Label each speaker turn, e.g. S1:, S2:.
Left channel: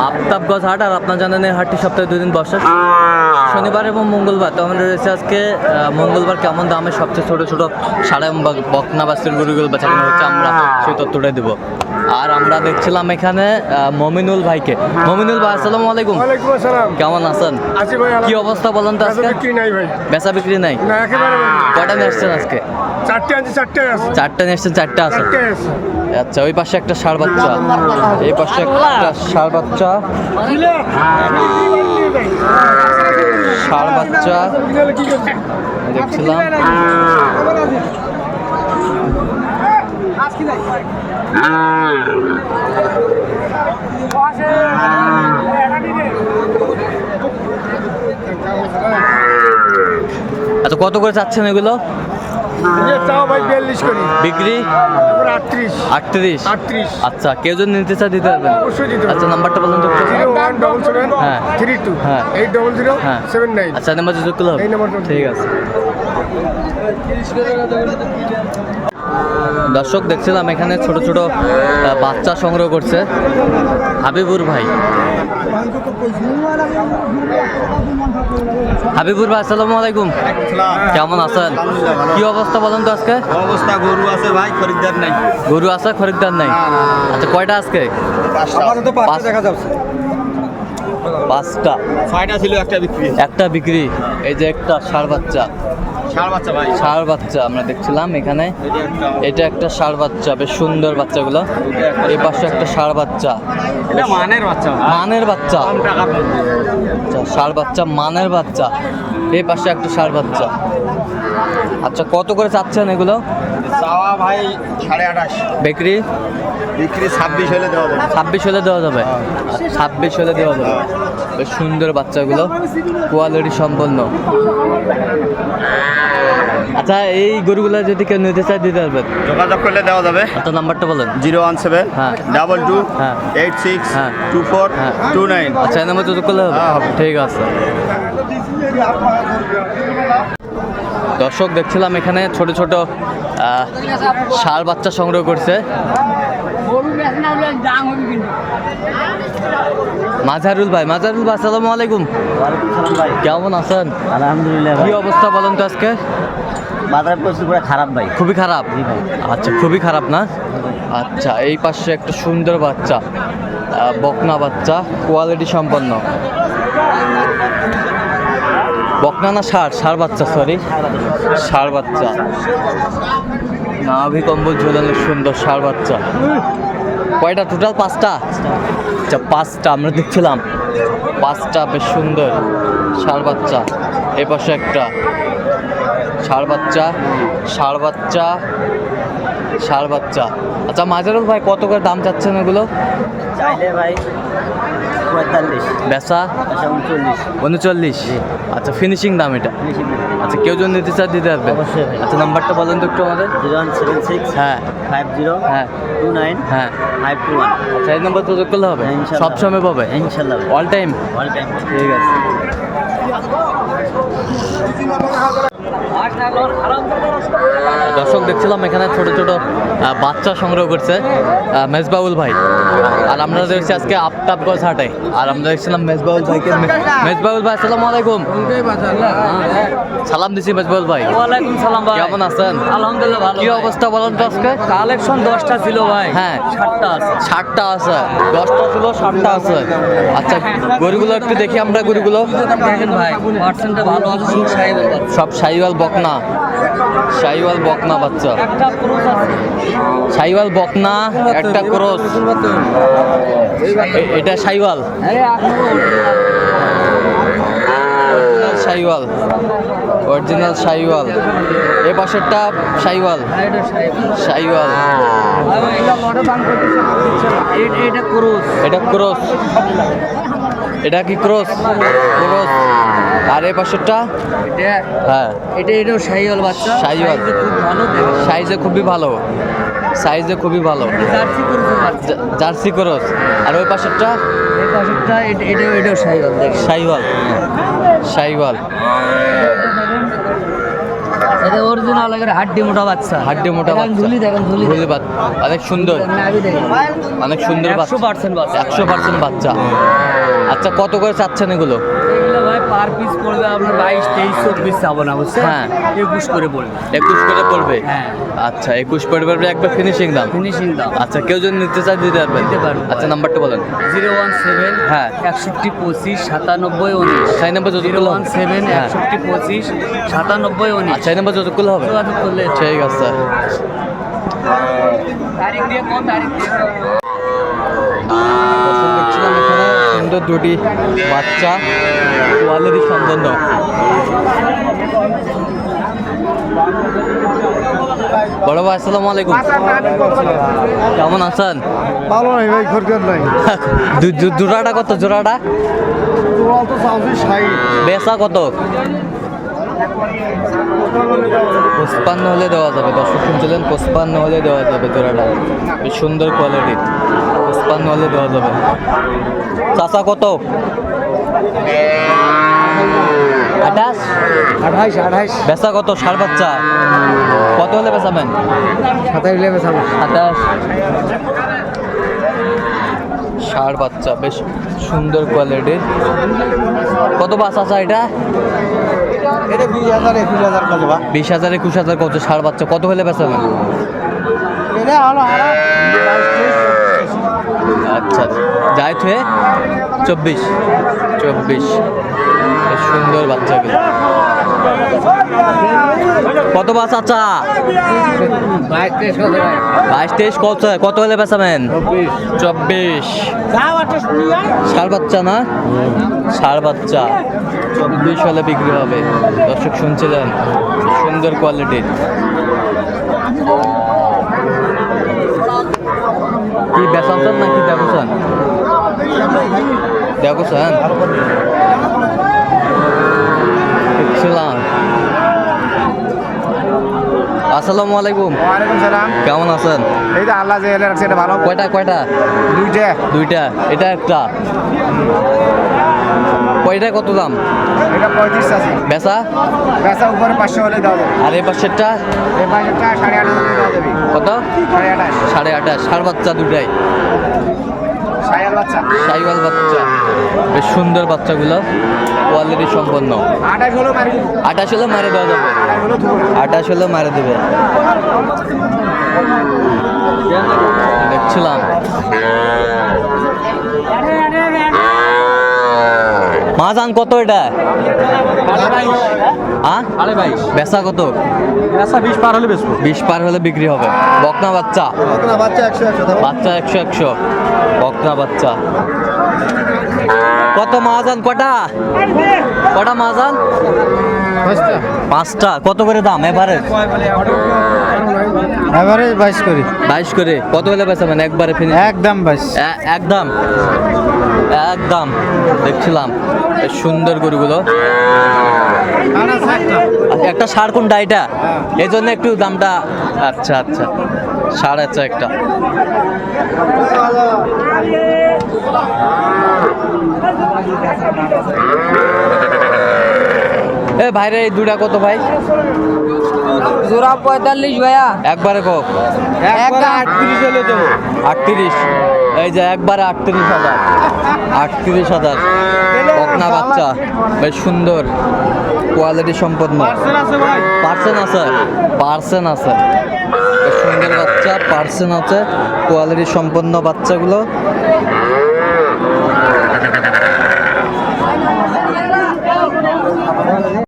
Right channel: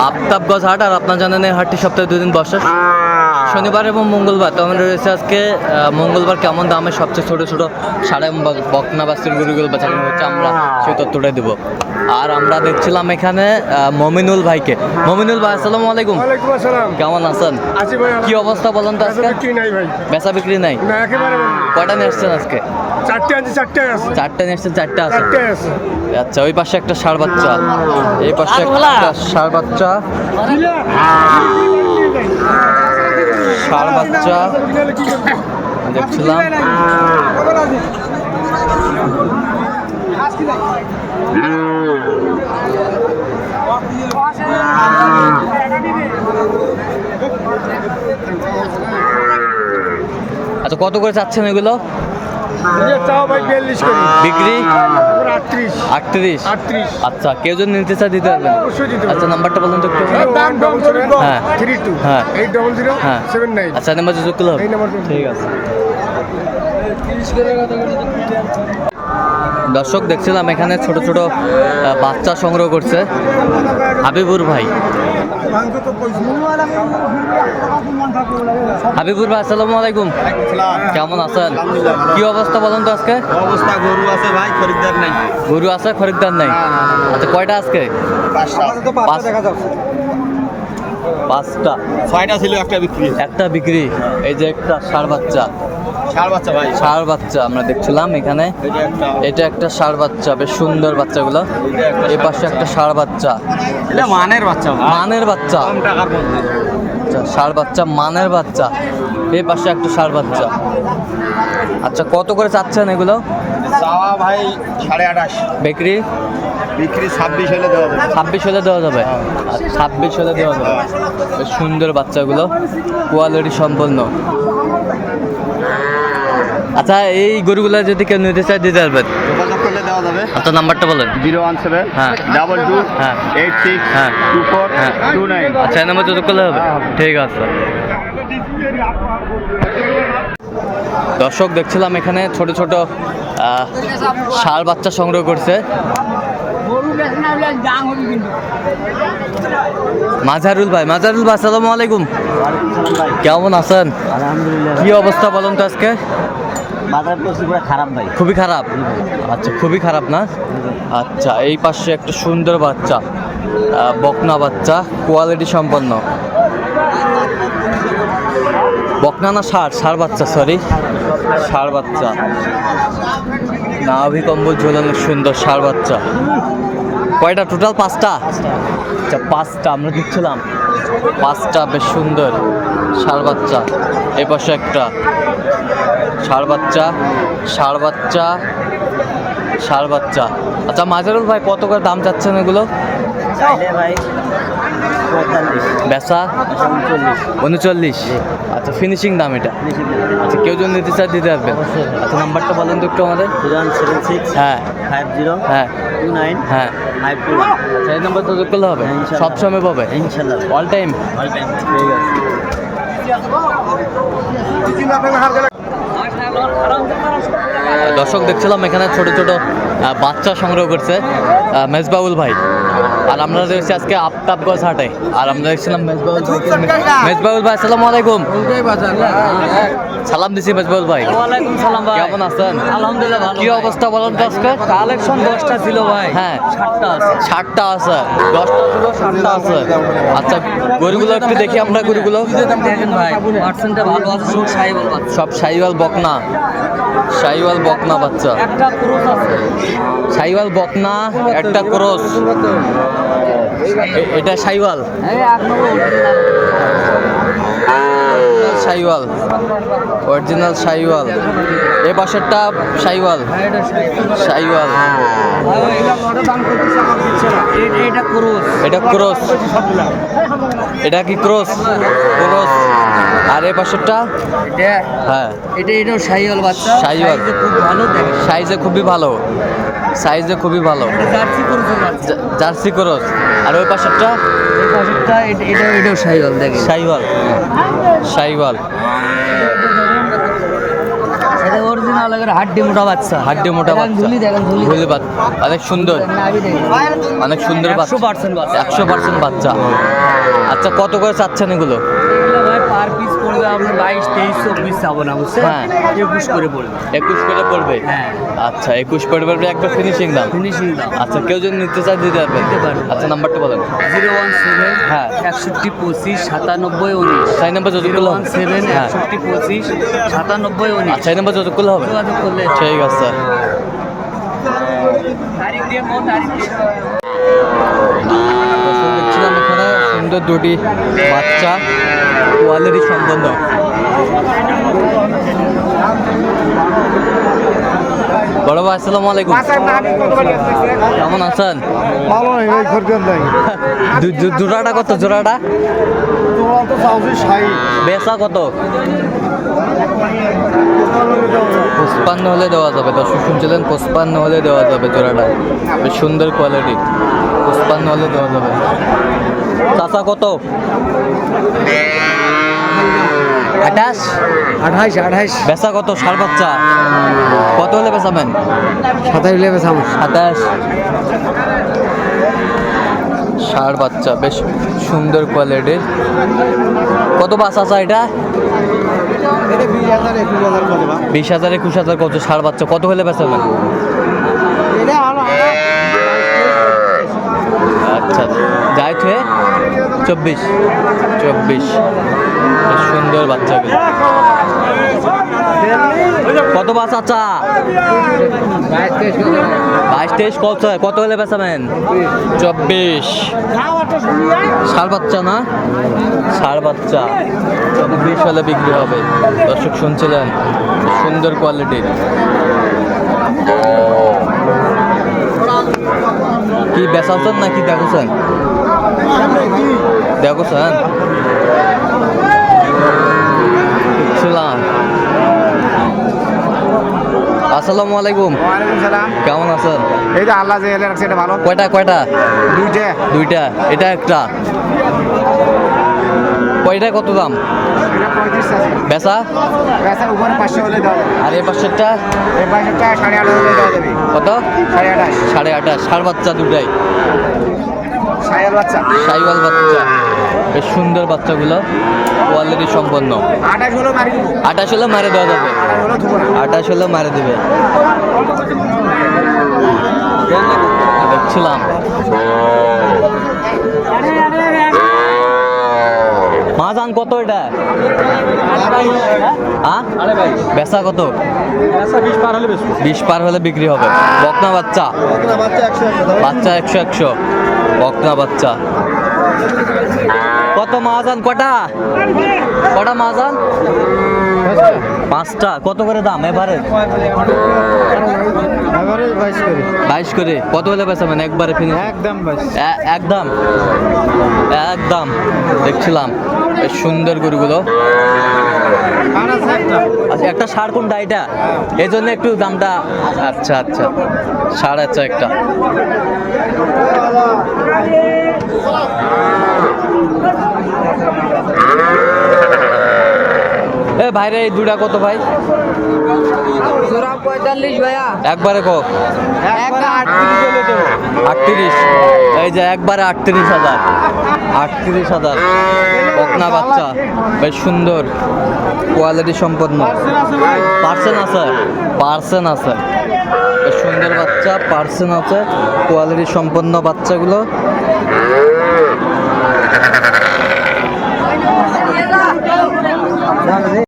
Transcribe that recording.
S1: আফতাবগঞ্জ হাট আর আপনার জানেন এই হাটটি সপ্তাহে দুই দিন বসে। শনিবার এবং মঙ্গলবার তো আমাদের রয়েছে আজকে আহ, মঙ্গলবার কেমন দামে সবচেয়ে ছোট ছোট সাড়ে বকনা বাস্তির গরুগুলো বেচা কেনা হচ্ছে আমরা সেই তথ্যটাই দেবো। আর আমরা দেখছিলাম এখানে আহ, মমিনুল ভাইকে। মমিনুল ভাই আসসালামু আলাইকুম।
S2: ওয়ালাইকুম আসসালাম।
S1: কেমন আছেন? কি অবস্থা বলেন তো আজকে?
S2: কি নাই ভাই।
S1: বেচা বিক্রি নাই?
S2: না একেবারে
S1: কয়টা নিয়ে আসছেন আজকে?
S2: চারটে আনছি চারটে আছে।
S1: চারটা নিয়ে আছে।
S2: চারটে আছে।
S1: আচ্ছা ওই পাশে একটা ষাড় বাচ্চা। এই পাশে একটা ষাড় বাচ্চা। ষাড় বাচ্চা। দেখছিলাম। আচ্ছা কত করে চাচ্ছেন এগুলো? বিক্রি?
S2: আটত্রিশ।
S1: আচ্ছা কেউ যদি নিতে চায় দিতে পারবেন। আচ্ছা নাম্বারটা বলুন তো হ্যাঁ।
S2: থ্রি টু
S1: হ্যাঁ।
S2: এইট ডবল জিরো
S1: হ্যাঁ।
S2: সেভেন নাইন
S1: আচ্ছা নাম্বার যোগ করলে ঠিক আছে। দর্শক দেখছিলাম এখানে ছোট ছোট বাচ্চা সংগ্রহ করছে। হাবিবুর ভাই। হাবিবুর ভাই আসসালামু আলাইকুম। কেমন আছেন? কি অবস্থা বলেন তো আজকে?
S3: অবস্থা গরু আছে ভাই খরিদ্দার নাই।
S1: গরু আছে খরিদ্দার নাই? আচ্ছা কয়টা আজকে? পাঁচ- পাঁচটা।
S3: ছয়টা ছিল একটা বিক্রি।
S1: একটা বিক্রি। এই যে একটা ষাড় বাচ্চা।
S3: ষাট বাচ্চা ভাই
S1: ষাড় বাচ্চা আমরা দেখছিলাম এখানে।
S3: এটা একটা
S1: ষাড় বাচ্চা বেশ সুন্দর বাচ্চাগুলো। এই পাশে একটা ষাড় বাচ্চা।
S3: মানের বাচ্চা
S1: মানের বাচ্চা। আচ্ছা ষাড় বাচ্চা মানের বাচ্চা। এই পাশে একটা ষাড় বাচ্চা। আচ্ছা কত করে চাচ্ছেন এগুলো?
S3: চাওয়া ভাই সাড়ে আঠাশ।
S1: বিক্রি?
S3: বিক্রি ছাব্বিশ হলে দেওয়া যাবে।
S1: ছাব্বিশ হলে দেওয়া যাবে? আচ্ছা, ছাব্বিশ হলে দেওয়া যাবে? বেশ সুন্দর বাচ্চাগুলো। কোয়ালিটি সম্পন্ন। আচ্ছা এই গরুগুলো যদি কেউ নিতে চায় দিতে পারবেন?
S3: যোগাযোগ করলে দেওয়া যাবে।
S1: আচ্ছা নাম্বারটা বলেন।
S3: জিরো ওয়ান সেভেন
S1: হ্যাঁ।
S3: ডাবল টু
S1: হ্যাঁ।
S3: এইট সিক্স
S1: হ্যাঁ।
S3: টু ফোর
S1: হ্যাঁ।
S3: Two nine.
S1: আচ্ছা এই নাম্বার যোগ করলে হবে?
S3: হ্যাঁ,
S1: ঠিক আছে। দর্শক দেখছিলাম এখানে ছোট ছোট ষাঁড় বাচ্চা সংগ্রহ করছে। মাঝারুল ভাই মাঝারুল ভাই আসসালামু আলাইকুম।
S3: ভাই
S1: কেমন আছেন?
S3: আলহামদুলিল্লাহ।
S1: কি অবস্থা বলেন তো আজকে?
S3: বাজার পরিস্থিতি পুরো খারাপ ভাই।
S1: খুবই খারাপ? আচ্ছা খুবই খারাপ না? আচ্ছা এই পাশে একটা সুন্দর বাচ্চা বকনা বাচ্চা কোয়ালিটি সম্পন্ন। বকনা না সার? ষাড় বাচ্চা সরি সার বাচ্চা। নাভি কম্বল ঝোলানো সুন্দর ষাড় বাচ্চা। কয়টা? টোটাল পাঁচটা? আচ্ছা পাঁচটা আমরা দেখছিলাম। পাঁচটা বেশ সুন্দর ষাড় বাচ্চা। এ পাশে একটা ষাড় বাচ্চা ষাড় বাচ্চা ষাড় বাচ্চা। আচ্ছা মাজারুল ভাই কত করে দাম চাচ্ছেন এগুলো?
S3: চাইলে ভাই পঁয়তাল্লিশ।
S1: বেচা?
S3: আচ্ছা উনচল্লিশ।
S1: উনচল্লিশ। আচ্ছা ফিনিশিং দাম এটা? আচ্ছা কেউ যদি নিতে চায় দিতে পারবেন আচ্ছা নাম্বারটা বলেন তো একটু আমাদের।
S3: জিরো ওয়ান সেভেন সিক্স
S1: হ্যাঁ।
S3: ফাইভ জিরো
S1: হ্যাঁ।
S3: টু নাইন
S1: হ্যাঁ।
S3: Five two one.
S1: আচ্ছা এই নাম্বার তো করলে হবে?
S3: হ্যাঁ,
S1: সব সময় পাবে?
S3: ইনশাল্লাহ।
S1: অল টাইম
S3: অল টাইম
S1: ঠিক আছে। দর্শক দেখছিলাম এখানে ছোট ছোট বাচ্চা সংগ্রহ করছে মেজবাউল ভাই। আর আমরা দেখছি আজকে আফতাবগঞ্জ হাটে। আর আমরা দেখছিলাম মেজবাউল ভাইকে মেজবাউল ভাই আসসালামু আলাইকুম। সালাম দিছি মেজবাউল ভাই।
S4: ওয়ালাইকুম সালাম ভাই।
S1: কেমন আছেন?
S4: আলহামদুলিল্লাহ ভালো
S1: কি অবস্থা বলেন তো আজকে?
S4: কালেকশন দশটা ছিল ভাই।
S1: হ্যাঁ।
S4: সাতটা আছে।
S1: ষাটটা আছে। দশটা ছিল ষাটটা আছে। আচ্ছা গরুগুলো একটু দেখি আমরা গরুগুলো।
S4: দেখেন ভাই পার্সেন্টটা ভালো আছে সব সাহেবের
S1: সব সাইওয়াল বকনা। সাইওয়াল বকনা বাচ্চা। সাইওয়াল বকনা একটা ক্রস এটা
S4: নম্বর original।
S1: অরিজিনাল সাইওয়াল এ পাশেরটা সাইওয়াল
S4: হ্যাঁ, এটা এটা
S1: ক্রস এটা কি ক্রস ক্রস আর এ পাশেরটা? হ্যাঁ।
S4: এটা এটাও শাহিওয়াল বাচ্চা। ভালো
S1: সাইজে খুবই ভালো। সাইজে খুবই ভালো।
S4: Jersey
S1: cross. আর ওই পাশেরটা?
S4: এই পাশেরটা এটা এটাও শাহিওয়াল দেখে
S1: সাইওয়াল সাইওয়াল
S4: এটা অরিজিনাল এর হাড্ডি মোটা বাচ্চা।
S1: হাড্ডি মোটা বাচ্চা।
S4: ঝুলি দেখেন ঝুলি।
S1: বাচ্চা। অনেক সুন্দর। অনেক সুন্দর
S4: একশো পার্সেন্ট বাচ্চা।
S1: একশো পার্সেন্ট বাচ্চা। আচ্ছা কত করে চাচ্ছেন এগুলো?
S4: পার পিস পড়বে আপনার বাইশ তেইশ চব্বিশ যাব না বুঝছেন?
S1: হ্যাঁ।
S4: একুশ করে পড়বে।
S1: একুশ করে পড়বে?
S4: হ্যাঁ।
S1: আচ্ছা একুশ করে পড়বে একবার ফিনিশিং দাম?
S4: ফিনিশিং দাম।
S1: আচ্ছা কেউ যদি নিতে চায় দিতে পারবেন
S4: দিতে পারব।
S1: আচ্ছা নাম্বারটা বলেন।
S4: জিরো ওয়ান সেভেন
S1: হ্যাঁ।
S4: একষট্টি পঁচিশ সাতানব্বই উনিশ।
S1: আচ্ছা এই নাম্বার যতগুলো
S4: ওয়ান সেভেন
S1: হ্যাঁ।
S4: একষট্টি পঁচিশ সাতানব্বই উনিশ।
S1: আচ্ছা এই নাম্বার যতগুলো হবে?
S4: যোগাযোগ করলে।
S1: ঠিক আছে।
S4: তারিখ দিয়ে কোন তারিখ দিয়ে
S1: দর্শক দেখছিলাম এখানে সুন্দর দুটি বাচ্চা। কোয়ালিটি সম্পন্ন বড় ভাই, আসসালামু আলাইকুম। কেমন আছেন?
S2: ভালো নাই ভাই খরচার নাই
S1: জোড়াটা কত? জোড়াটা? বেচা কত? পঁচপান্ন হলে দেওয়া যাবে। দর্শক শুনছিলেন, পঁচপান্ন হলে দেওয়া যাবে জোড়াটা। বেশ সুন্দর কোয়ালিটির পঁচপান্ন হলে দেওয়া যাবে। চাচা কত? আঠাশ?
S2: আঠাইশ আঠাইশ
S1: বেচা কত? সার বাচ্চা কত হলে বেচাবেন?
S2: সাতাইশ লেগে সামনে
S1: সাতাশ। ষাড় বাচ্চা বেশ সুন্দর কোয়ালিটির কত বাস আছে এটা?
S2: বিশ হাজার একুশ হাজার
S1: কত? ষাড় বাচ্চা কত হলে বেচাবেন? আচ্ছা যাই থুয়ে। চব্বিশ। চব্বিশ। বেশ সুন্দর বাচ্চাগুলো। কত বাস আচ্ছা বাইশ তেইশ কত? কত হলে বেচাবেন চব্বিশ। সার বাচ্চা না? সার বাচ্চা। চব্বিশ হলে বিক্রি হবে। দর্শক শুনছিলেন? সুন্দর কোয়ালিটির কি বেচাচ্ছেন নাকি দেখছেন? দেখছেন দেখছিলাম আসসালামু আলাইকুম।
S2: ওয়ালাইকুম সালাম।
S1: কেমন আছেন?
S2: এই তো আল্লাহ এলে রাখছে এটা ভালো?
S1: কয়টা কয়টা?
S2: দুইটা।
S1: দুইটা। এটা একটা। কয়টা কত দাম?
S2: এটা আছে।
S1: বেচা?
S2: উপরে পাঁচশো হলে দাও।
S1: আর এই পাশেরটা
S2: এই হলে
S1: কত? ষাড় বাচ্চা দুটাই। সাইওয়াল বাচ্চা। বেশ সুন্দর বাচ্চাগুলো। কোয়ালিটি সম্পন্ন।
S2: আঠাশ হলে মারি দেবো।
S1: আঠাশ হলে মারে দেওয়া যাবে।
S2: আঠাশ হলে
S1: মারে দেবে। দেখছিলাম। মাজান কত এটা? বেচা কত?
S2: বিশ পার হলে
S1: বিক্রি হবে। বকনা বাচ্চা।
S2: বাচ্চা একশো একশো।
S1: বকনা বাচ্চা। কত মাজান কটা? কটা মাজান পাঁচটা। কত করে দাম এবারে
S2: এবারে বাইশ করি।
S1: বাইশ করে। কত হলে বেচাবেন একবারে ফিনিশ
S2: একদম বাইশ।
S1: একদম? একদম। দেখছিলাম। সুন্দর গরুগুলো। আচ্ছা একটা সার কোনটা এটা? এই জন্য একটু দামটা আচ্ছা আচ্ছা। আচ্ছা একটা এ ভাইরে এই দুটা কত ভাই?
S4: জোড়া পঁয়তাল্লিশ ভাইয়া।
S1: একবারে
S4: আটত্রিশ
S1: এই যে একবারে আটত্রিশ হাজার। আটত্রিশ হাজার। বাচ্চা। বেশ সুন্দর। কোয়ালিটি সম্পন্ন। পার্সেন আছে? পার্সেন আছে। সুন্দর বাচ্চা পার্সেন আছে কোয়ালিটি সম্পন্ন বাচ্চাগুলো।